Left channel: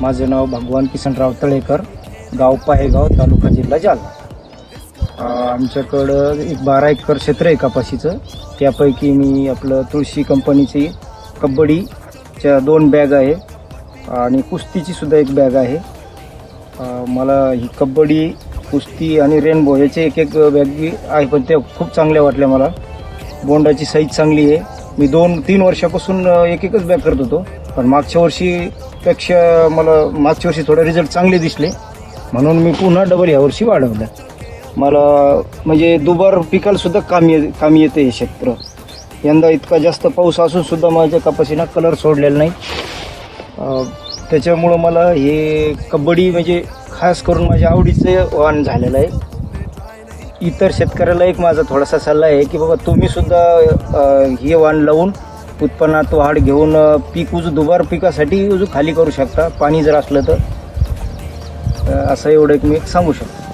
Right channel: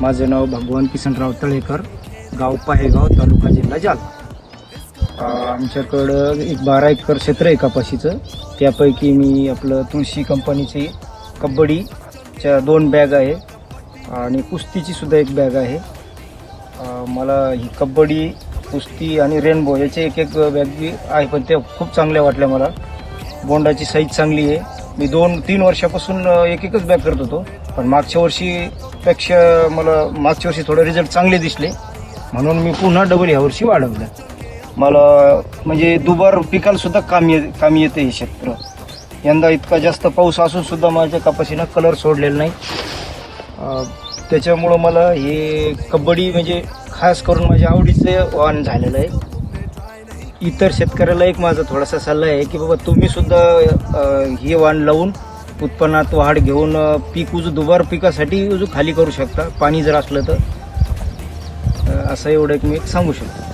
माझे नाव भगवान किसनराव तळेकर, गाव पाहेगाव, तालुका जिल्हा जालना. आमच्याकडं एक 12 एकर क्षेत्र आहे कपाशीचं. त्यापैकी मी आपलं तुळशी कंपनीची कबड्डीच्या 2 बॅग आहे आणि कुस्तीची सुद्धा एक बॅग आहे. मला ही कबड्डी, कुस्ती आणि रेनबो याचे एक बॅग बी आहे, पण त्या खूप चांगल्या वाटल्या मला. बोंडाची साईज चांगली आहे. मी 2-3 वर्षापासून एकच बॅग करत होतो, पण मागच्या वर्षी थोडे रिझल्ट चांगले दिसले, म्हणून मी पुन्हा डबल यावर्षी वाढवलं. मला म्हणजे दुबार पिकाला सुद्धा कामी येते हे क्षेत्र. यंदा इतका जास्त पाऊस असून सुद्धा माझ्या कपाशीनं कलर सोडलेला नाही. त्याच्यामुळं मला हे कबड्डी म्हणजे खास करून माझ्या आवडीचं वाण झालेलं आहे. इतर शेतकऱ्याला एक माझा थोडासा सल्ला आहे की बाबा तुम्ही सुद्धा हे वाण लावून उत्पन्नात वाढ घेऊन पीक दुबार पिकासाठी खाली करू शकता, पाणी जर असलं तर. असं एवढं एक मी सांगू शकतो.